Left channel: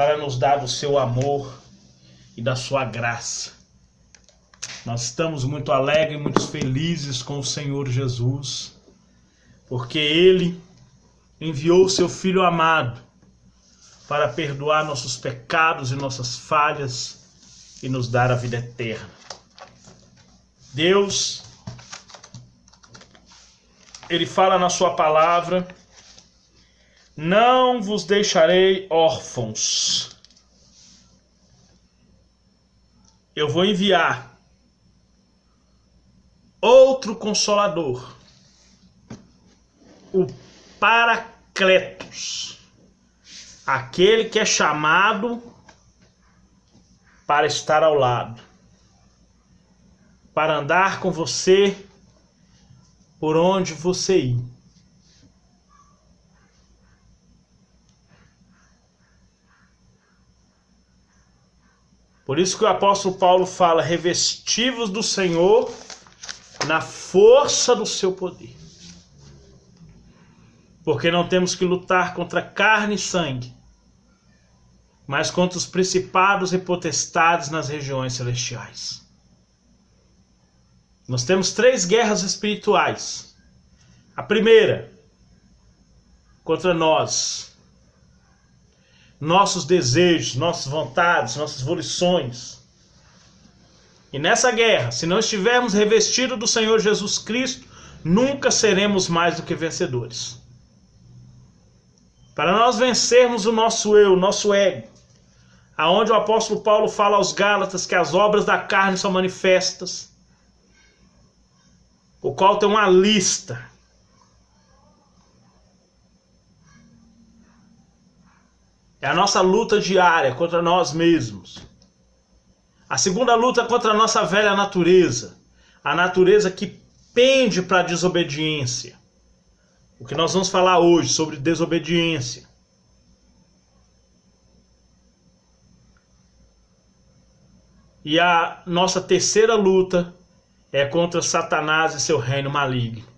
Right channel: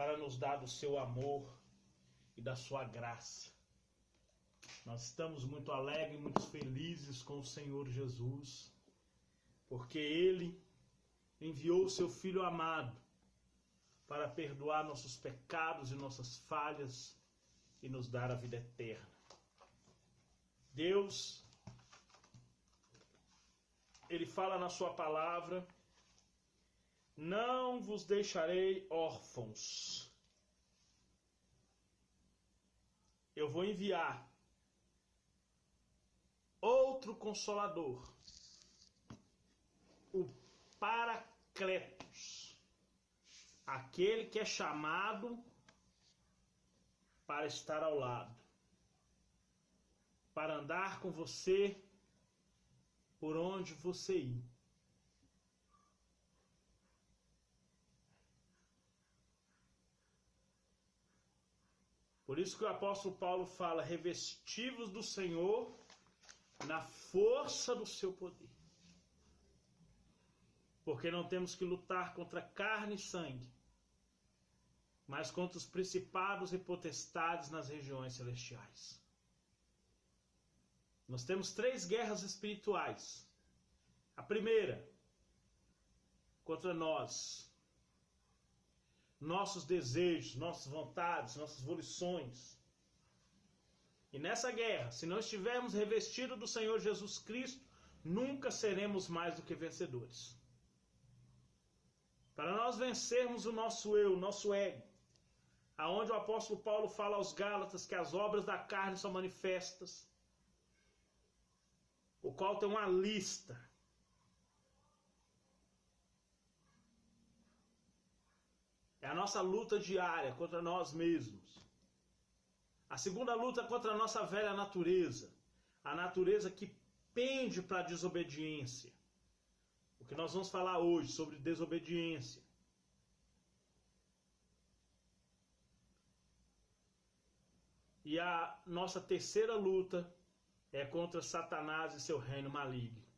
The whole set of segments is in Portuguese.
para nos dar do seu amor e da sua graça. Nós estamos muito alegres e muito felizes com o Senhor Jesus, porque Ele enviou o seu Filho amado para perdoar nossos pecados e nossas falhas e nos dar a vida eterna. Deus, Ele fala na sua palavra: não vos deixarei órfãos. Eu vou enviar outro Consolador, o Paracletos, aquele que é chamado para estar ao lado, para andar com você por onde você ir. Por isso que o apóstolo Paulo fala: revestivos do Senhor na força do seu poder. Porque não temos que lutar contra carne e sangue, mas contra os principados e potestades nas regiões celestiais. Nós temos 3 guerras espirituais. A primeira, contra nós, nossos desejos, nossas vontades, nossas volições. E nessa guerra, se não estivermos revestidos do Senhor Jesus Cristo, nunca seremos mais do que vencedores. Para nós vencermos o nosso eu, o nosso ego, aonde o apóstolo Paulo fala aos Gálatas que as obras da carne são manifestas, o qual tem uma lista. É a nossa luta diária contra nós mesmos. A segunda luta é contra a nossa velha natureza, a natureza que pende para a desobediência. O que nós vamos falar hoje sobre desobediência. E a nossa terceira luta é contra Satanás e seu reino maligno.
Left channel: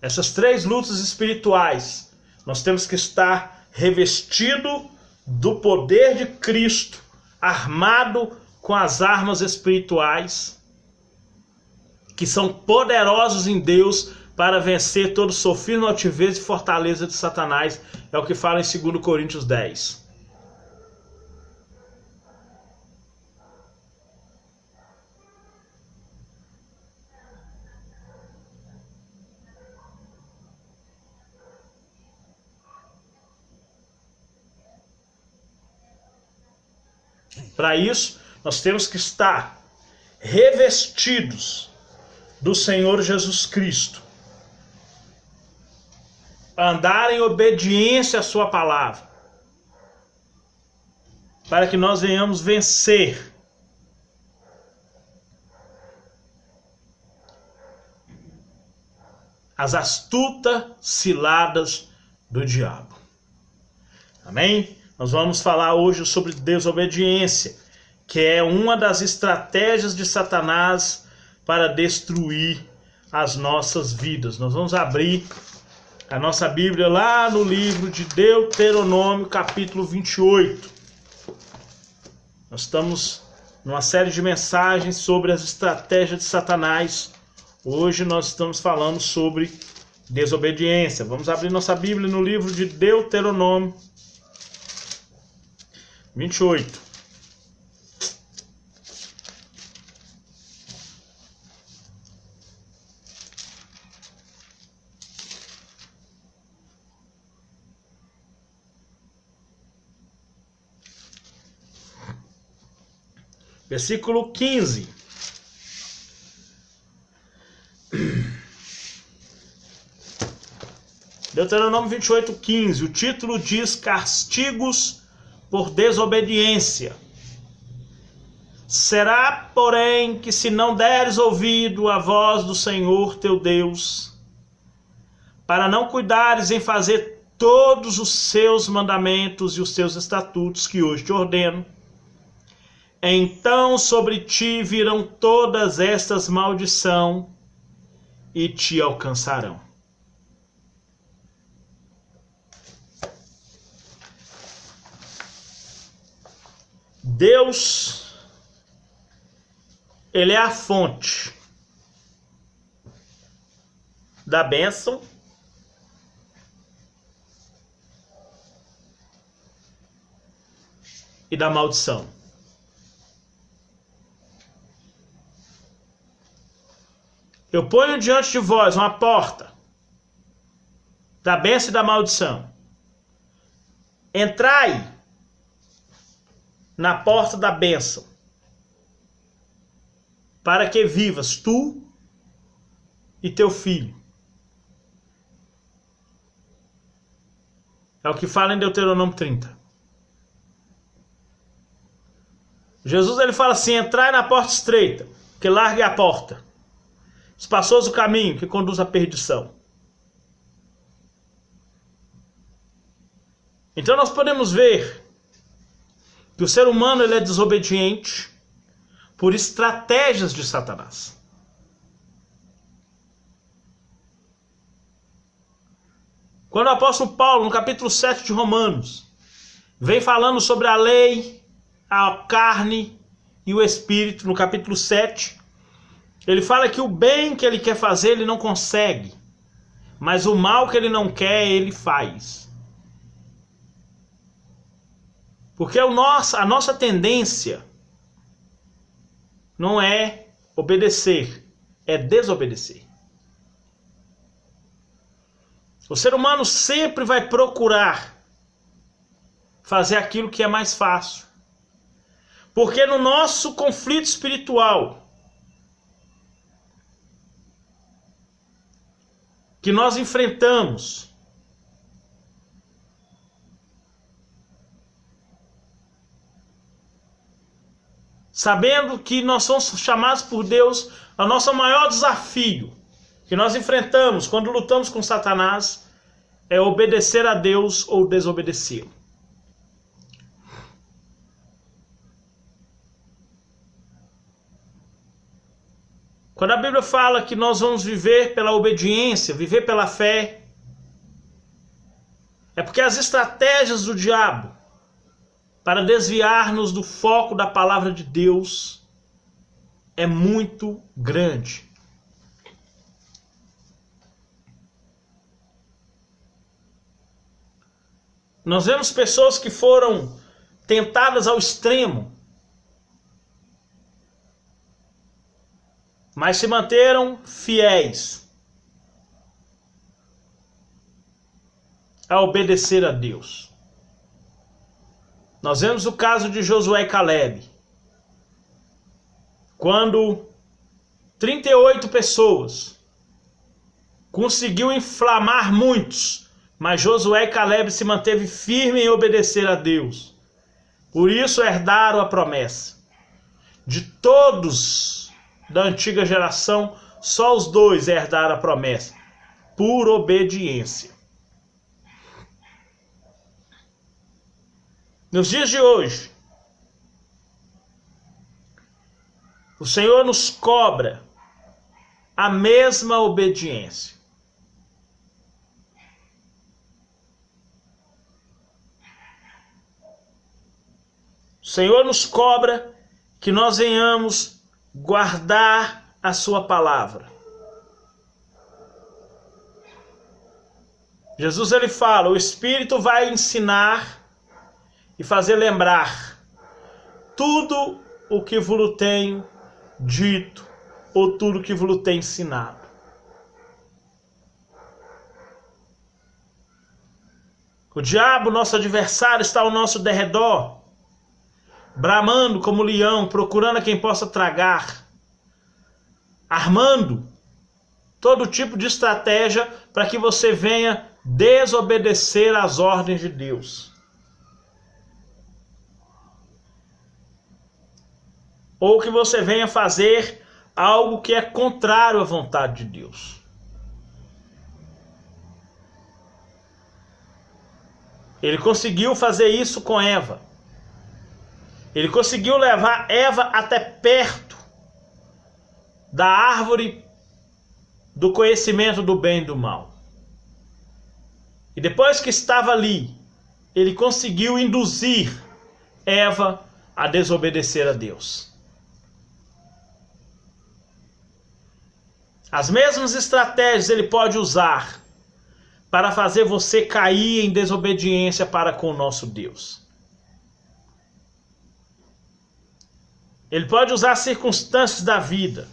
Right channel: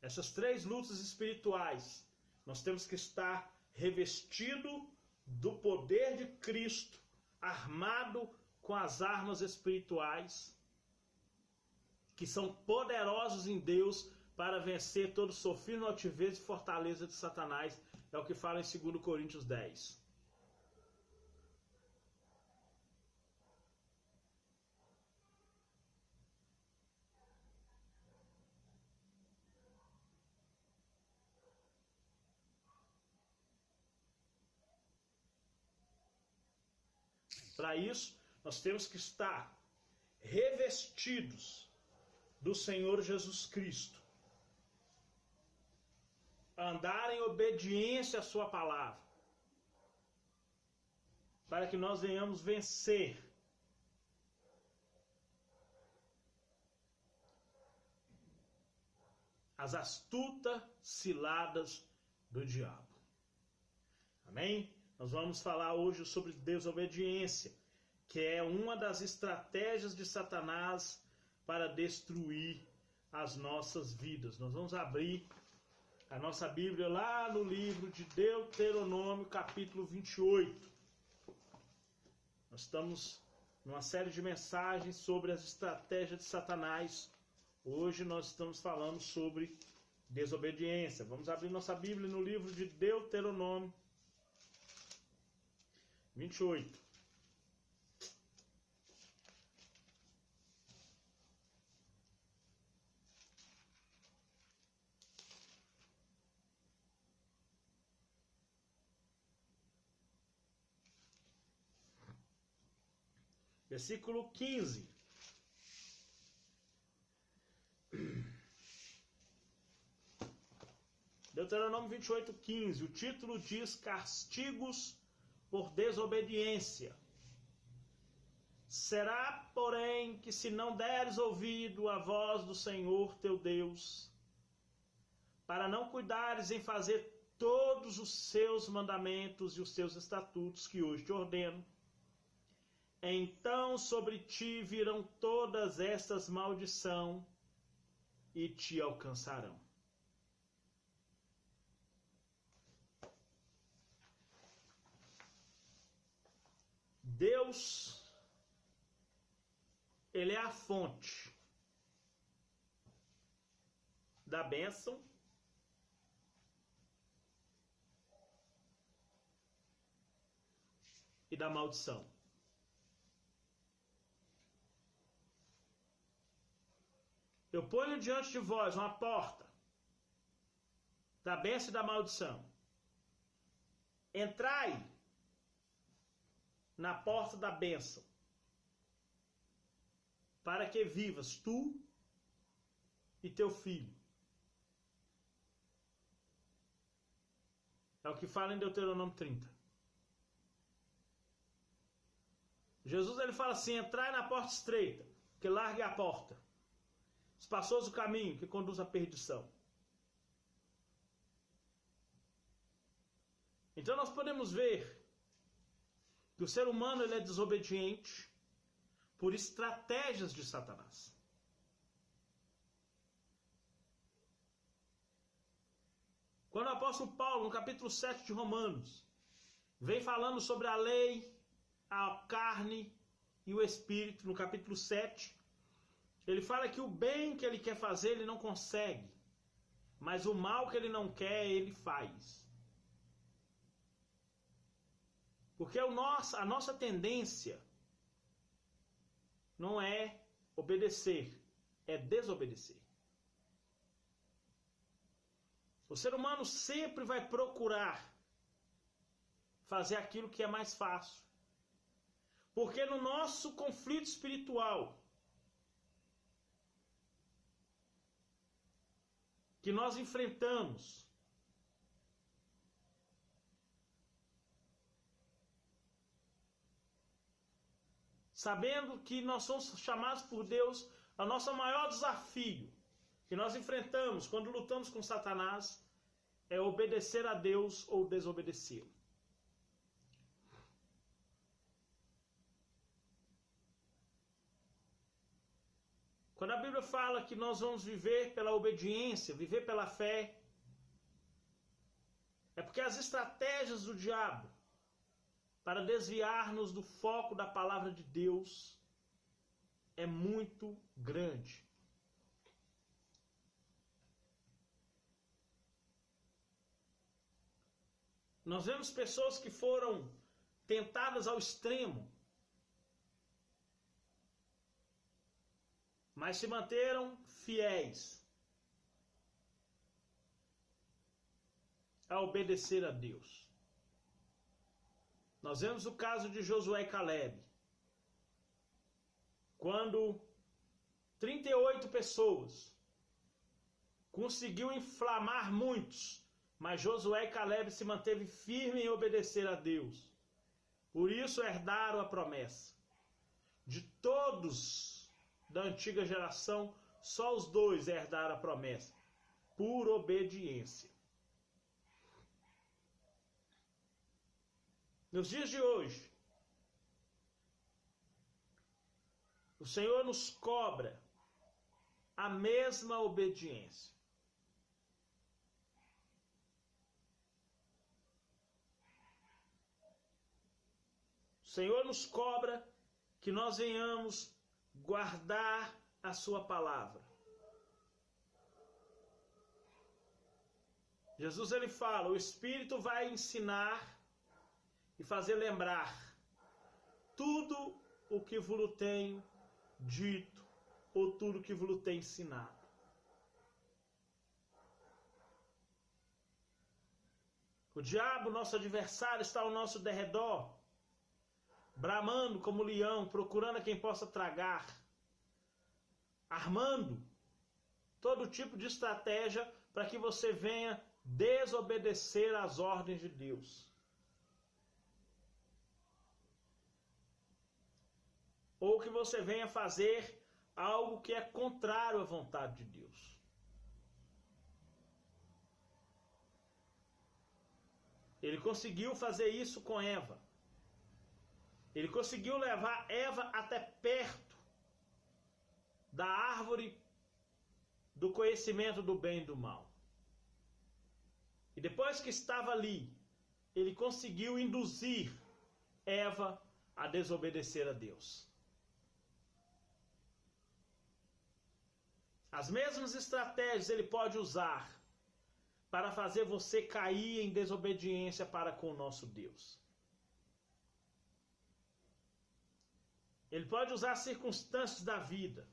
Essas 3 lutas espirituais, nós temos que estar revestido do poder de Cristo, armado com as armas espirituais, que são poderosos em Deus para vencer todo sofisma, altivez e fortaleza de Satanás. É o que fala em 2 Coríntios 10. Para isso, nós temos que estar revestidos do Senhor Jesus Cristo, andar em obediência à sua palavra, para que nós venhamos vencer as astutas ciladas do diabo. Amém? Nós vamos falar hoje sobre desobediência, que é uma das estratégias de Satanás para destruir as nossas vidas. Nós vamos abrir a nossa Bíblia lá no livro de Deuteronômio, capítulo 28. Nós estamos numa série de mensagens sobre as estratégias de Satanás. Hoje nós estamos falando sobre desobediência. Vamos abrir nossa Bíblia no livro de Deuteronômio 28. Versículo 15. Deuteronômio 28, 15. O título diz: castigos por desobediência. Será, porém, que se não deres ouvido à voz do Senhor teu Deus, para não cuidares em fazer todos os seus mandamentos e os seus estatutos que hoje te ordeno, então sobre ti virão todas estas maldições e te alcançarão. Deus, ele é a fonte da bênção e da maldição. Eu ponho diante de vós uma porta da bênção e da maldição. Entrai na porta da bênção, para que vivas tu e teu filho. É o que fala em Deuteronômio 30. Jesus ele fala assim: entrai na porta estreita, que largue a porta. Espaçoso o caminho que conduz à perdição. Então nós podemos ver que o ser humano ele é desobediente por estratégias de Satanás. Quando o apóstolo Paulo, no capítulo 7 de Romanos, vem falando sobre a lei, a carne e o espírito, no capítulo 7, ele fala que o bem que ele quer fazer, ele não consegue, mas o mal que ele não quer, ele faz. Porque a nossa tendência não é obedecer, é desobedecer. O ser humano sempre vai procurar fazer aquilo que é mais fácil. Porque no nosso conflito espiritual, que nós enfrentamos, sabendo que nós somos chamados por Deus, o nosso maior desafio que nós enfrentamos quando lutamos com Satanás é obedecer a Deus ou desobedecê-lo. Quando a Bíblia fala que nós vamos viver pela obediência, viver pela fé, é porque as estratégias do diabo para desviar-nos do foco da palavra de Deus é muito grande. Nós vemos pessoas que foram tentadas ao extremo, mas se manteram fiéis a obedecer a Deus. Nós vemos o caso de Josué e Calebe, quando 38 pessoas conseguiu inflamar muitos, mas Josué e Calebe se manteve firme em obedecer a Deus. Por isso herdaram a promessa. De todos da antiga geração, só os dois herdaram a promessa, por obediência. Nos dias de hoje, o Senhor nos cobra a mesma obediência. O Senhor nos cobra que nós venhamos guardar a sua palavra. Jesus ele fala: o Espírito vai ensinar e fazer lembrar tudo o que vos tenho dito, ou tudo que vos tenho ensinado. O diabo, nosso adversário, está ao nosso derredor, bramando como leão, procurando a quem possa tragar, armando todo tipo de estratégia para que você venha desobedecer às ordens de Deus. Ou que você venha fazer algo que é contrário à vontade de Deus. Ele conseguiu fazer isso com Eva. Ele conseguiu levar Eva até perto da árvore do conhecimento do bem e do mal. E depois que estava ali, ele conseguiu induzir Eva a desobedecer a Deus. As mesmas estratégias ele pode usar para fazer você cair em desobediência para com o nosso Deus. Ele pode usar as circunstâncias da vida.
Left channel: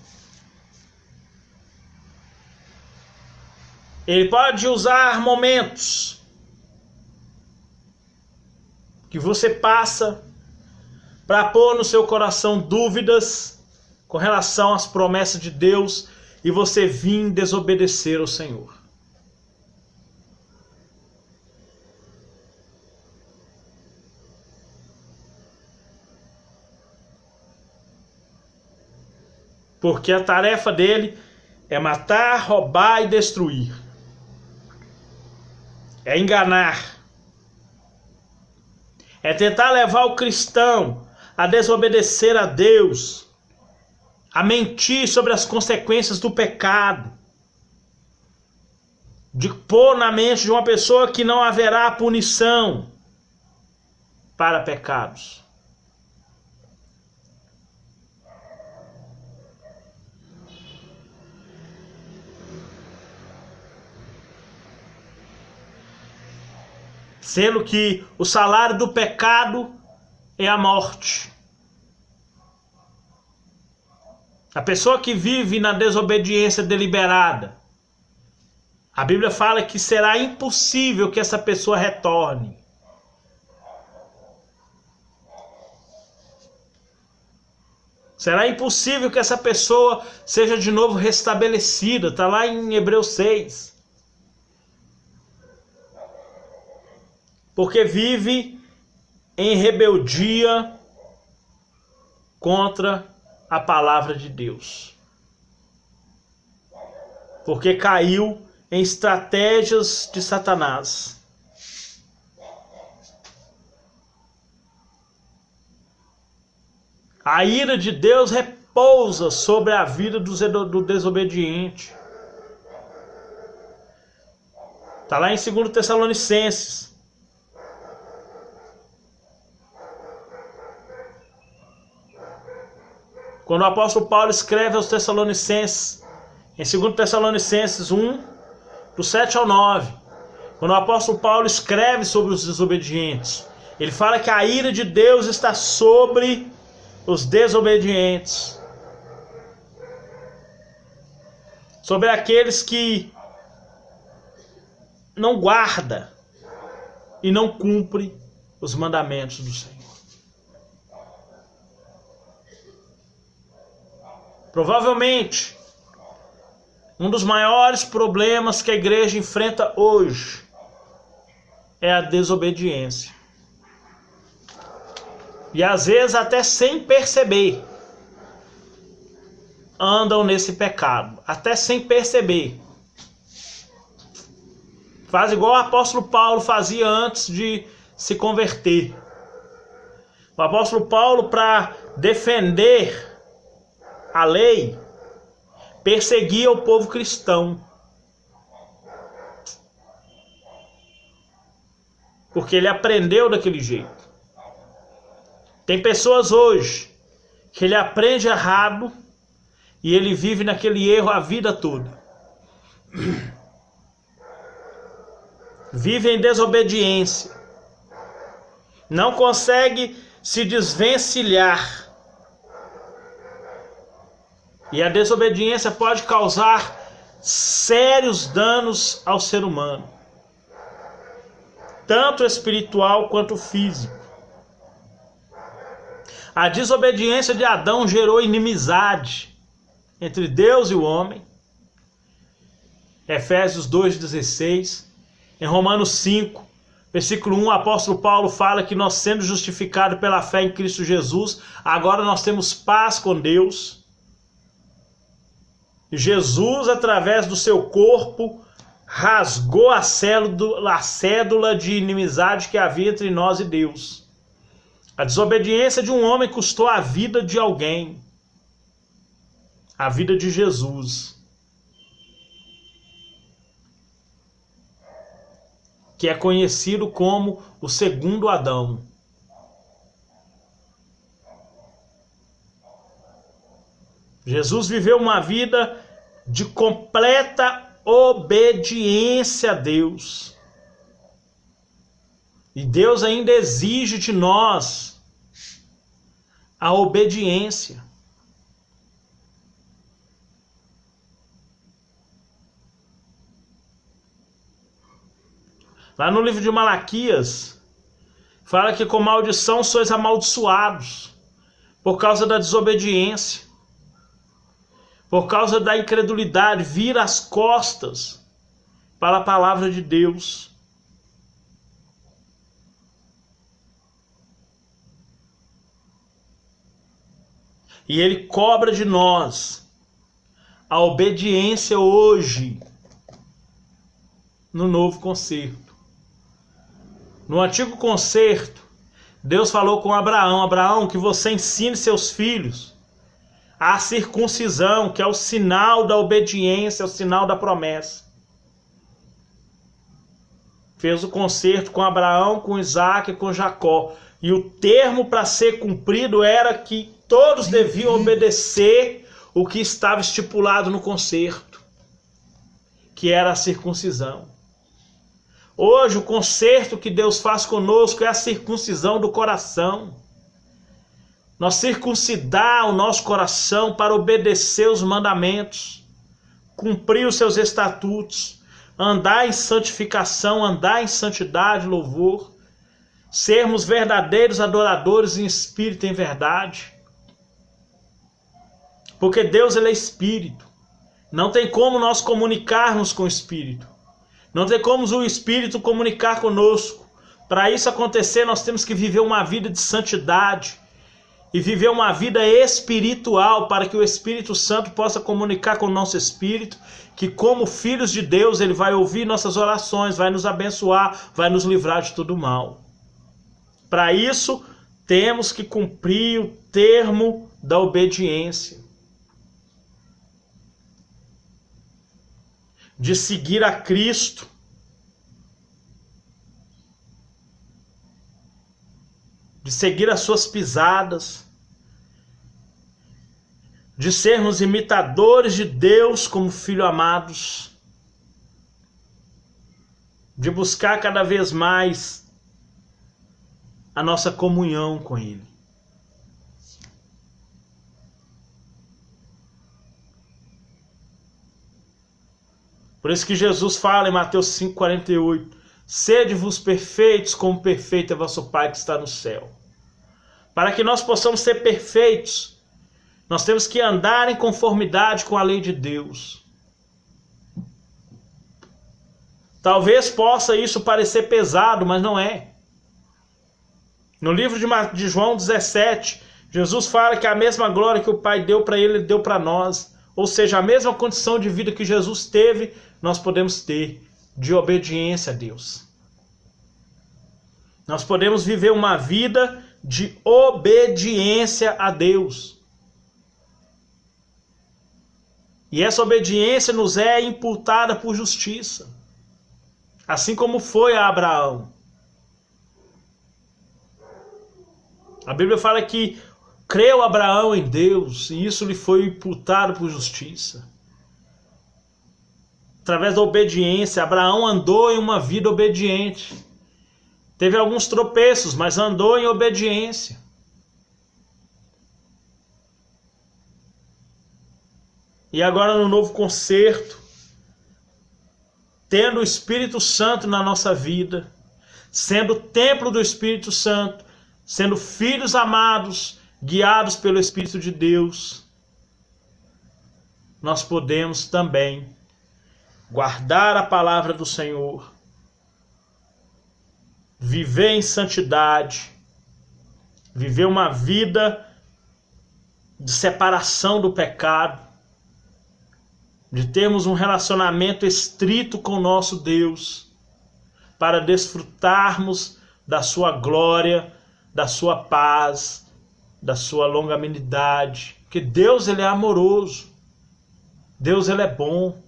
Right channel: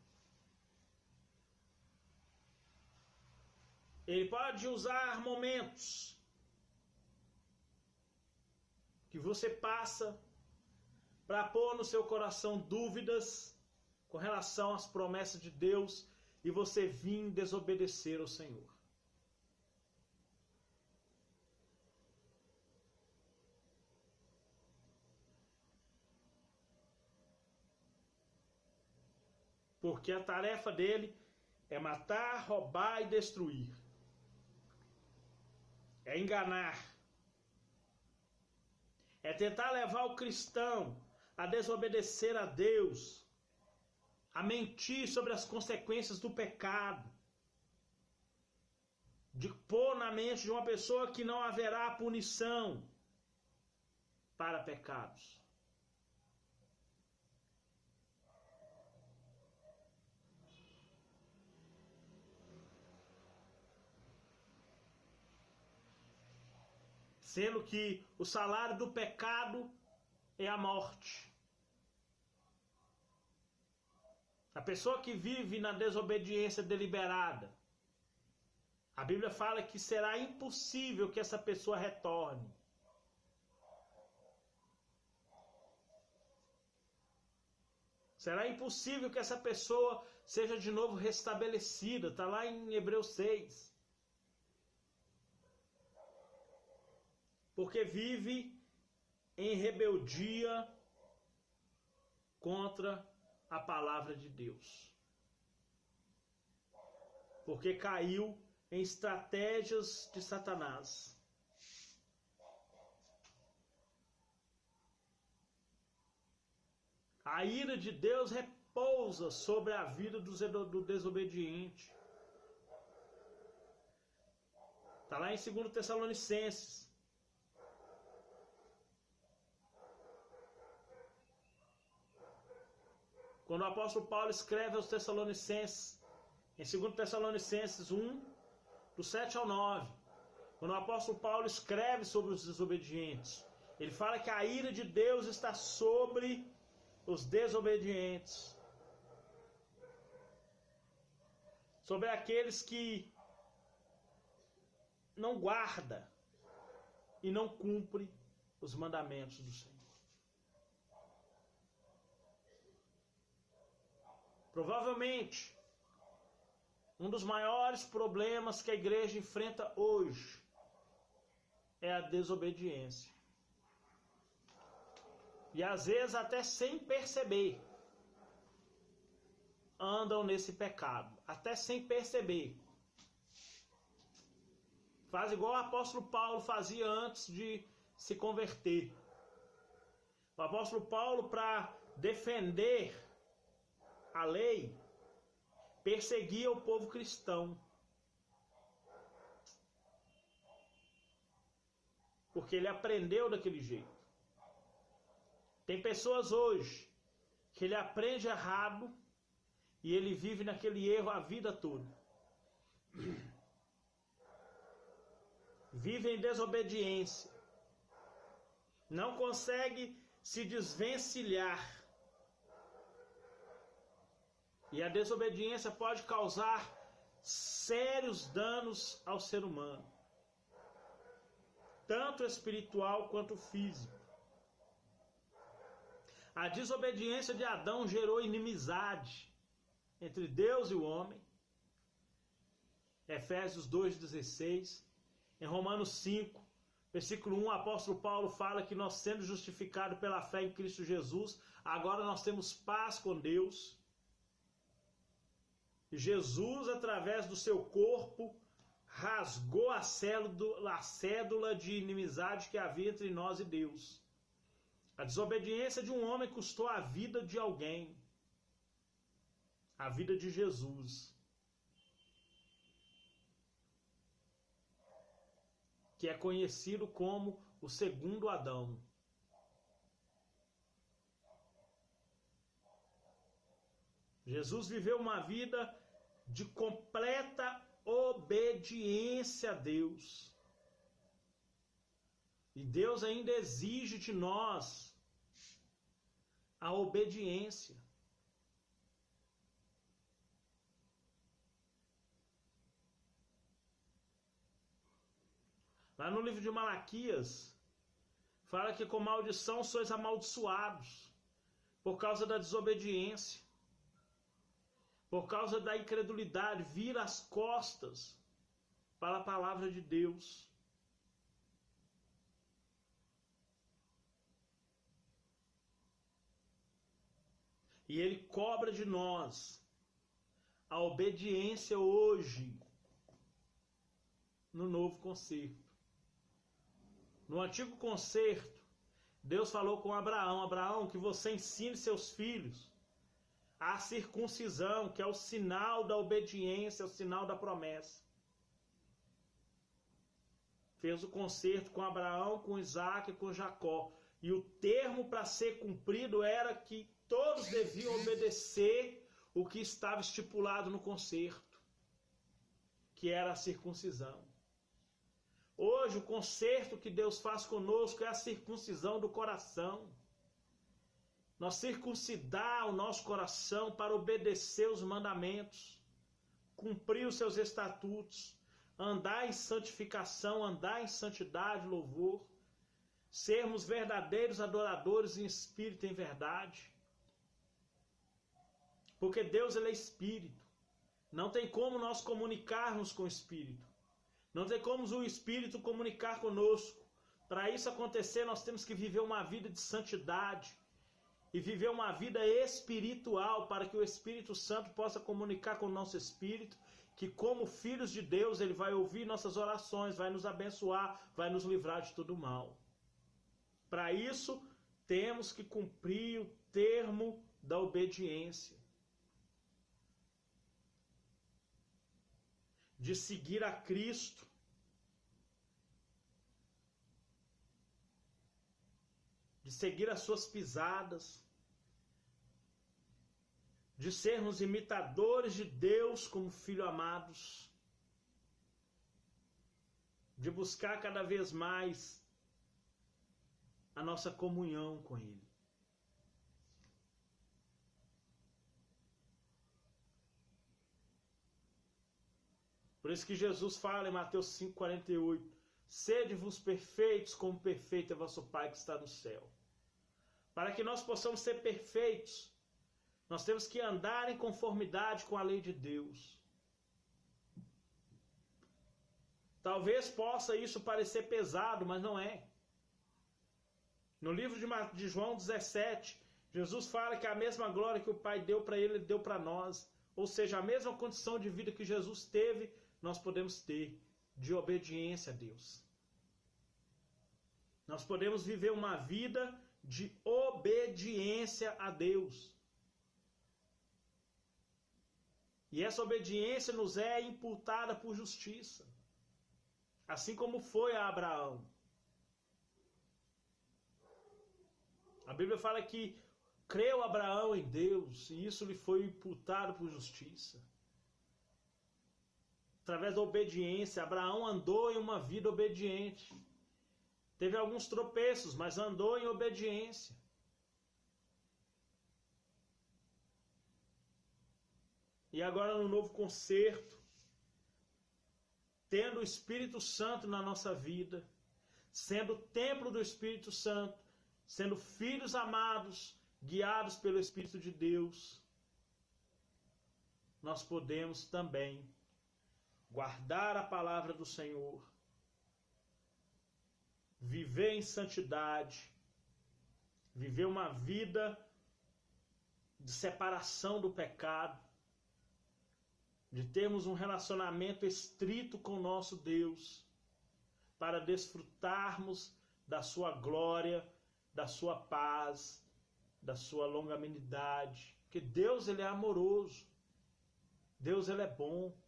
Ele pode usar momentos que você passa para pôr no seu coração dúvidas com relação às promessas de Deus e você vir desobedecer ao Senhor. Porque a tarefa dele é matar, roubar e destruir. É enganar. É tentar levar o cristão a desobedecer a Deus, a mentir sobre as consequências do pecado, de pôr na mente de uma pessoa que não haverá punição para pecados. Sendo que o salário do pecado é a morte. A pessoa que vive na desobediência deliberada, a Bíblia fala que será impossível que essa pessoa retorne. Será impossível que essa pessoa seja de novo restabelecida. Está lá em Hebreus 6. Porque vive em rebeldia contra a palavra de Deus. Porque caiu em estratégias de Satanás. A ira de Deus repousa sobre a vida do desobediente. Está lá em 2 Tessalonicenses. Quando o apóstolo Paulo escreve aos Tessalonicenses, em 2 Tessalonicenses 1, do 7 ao 9, quando o apóstolo Paulo escreve sobre os desobedientes, ele fala que a ira de Deus está sobre os desobedientes, sobre aqueles que não guardam e não cumprem os mandamentos do Senhor. Provavelmente, um dos maiores problemas que a igreja enfrenta hoje é a desobediência. E às vezes até sem perceber, andam nesse pecado, até sem perceber. Faz igual o apóstolo Paulo fazia antes de se converter. O apóstolo Paulo, para defender a lei, perseguia o povo cristão. Porque ele aprendeu daquele jeito. Tem pessoas hoje que ele aprende errado e ele vive naquele erro a vida toda. Vive em desobediência. Não consegue se desvencilhar. E a desobediência pode causar sérios danos ao ser humano, tanto espiritual quanto físico. A desobediência de Adão gerou inimizade entre Deus e o homem. Efésios 2,16. Em Romanos 5, versículo 1, o apóstolo Paulo fala que nós, sendo justificados pela fé em Cristo Jesus, agora nós temos paz com Deus. Jesus, através do seu corpo, rasgou a cédula de inimizade que havia entre nós e Deus. A desobediência de um homem custou a vida de alguém, a vida de Jesus, que é conhecido como o segundo Adão. Jesus viveu uma vida de completa obediência a Deus. E Deus ainda exige de nós a obediência. Lá no livro de Malaquias, fala que com maldição sois amaldiçoados, por causa da desobediência, por causa da incredulidade, vira as costas para a palavra de Deus. E Ele cobra de nós a obediência hoje, no novo concerto. No antigo concerto, Deus falou com Abraão: Abraão, que você ensine seus filhos a circuncisão, que é o sinal da obediência, é o sinal da promessa. Fez o concerto com Abraão, com Isaac e com Jacó. E o termo para ser cumprido era que todos deviam obedecer o que estava estipulado no concerto, que era a circuncisão. Hoje, o concerto que Deus faz conosco é a circuncisão do coração. Nós circuncidar o nosso coração para obedecer os mandamentos, cumprir os seus estatutos, andar em santificação, andar em santidade, louvor, sermos verdadeiros adoradores em espírito e em verdade. Porque Deus, Ele é espírito. Não tem como nós comunicarmos com o espírito. Não tem como o Espírito comunicar conosco. Para isso acontecer, nós temos que viver uma vida de santidade e viver uma vida espiritual, para que o Espírito Santo possa comunicar com o nosso espírito, que como filhos de Deus, Ele vai ouvir nossas orações, vai nos abençoar, vai nos livrar de todo mal. Para isso, temos que cumprir o termo da obediência, de seguir a Cristo, de seguir as suas pisadas, de sermos imitadores de Deus como filhos amados, de buscar cada vez mais a nossa comunhão com Ele. Por isso que Jesus fala em Mateus 5,48, sede-vos perfeitos como perfeito é vosso Pai que está no céu. Para que nós possamos ser perfeitos, nós temos que andar em conformidade com a lei de Deus. Talvez possa isso parecer pesado, mas não é. No livro de João 17, Jesus fala que a mesma glória que o Pai deu para Ele, Ele deu para nós. Ou seja, a mesma condição de vida que Jesus teve, nós podemos ter, de obediência a Deus. Nós podemos viver uma vida de obediência a Deus. E essa obediência nos é imputada por justiça, assim como foi a Abraão. A Bíblia fala que creu Abraão em Deus e isso lhe foi imputado por justiça. Através da obediência, Abraão andou em uma vida obediente. Teve alguns tropeços, mas andou em obediência. E agora no novo concerto, tendo o Espírito Santo na nossa vida, sendo templo do Espírito Santo, sendo filhos amados, guiados pelo Espírito de Deus, nós podemos também guardar a palavra do Senhor, viver em santidade, viver uma vida de separação do pecado, de termos um relacionamento estrito com o nosso Deus, para desfrutarmos da sua glória, da sua paz, da sua longanimidade, porque Deus, Ele é amoroso, Deus, Ele é bom,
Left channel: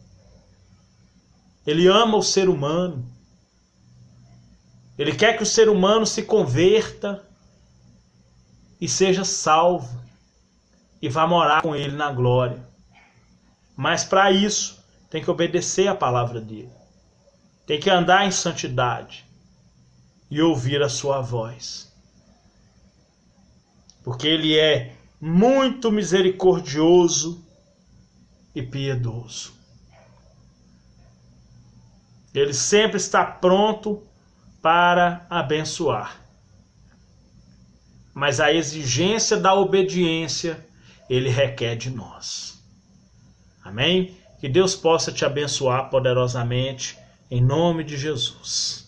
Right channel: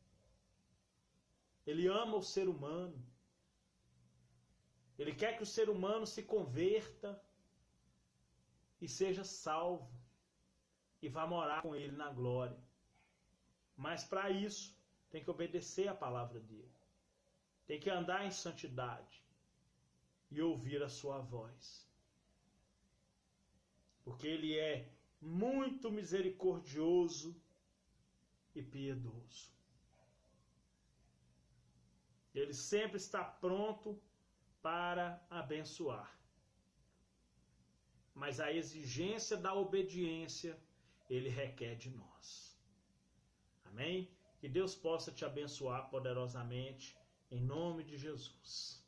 Ele ama o ser humano, Ele quer que o ser humano se converta e seja salvo, e vai morar com ele na glória. Mas para isso, tem que obedecer a palavra dele. Tem que andar em santidade e ouvir a sua voz. Porque ele é muito misericordioso e piedoso. Ele sempre está pronto para abençoar. Mas a exigência da obediência, ele requer de nós. Amém? Que Deus possa te abençoar poderosamente, em nome de Jesus.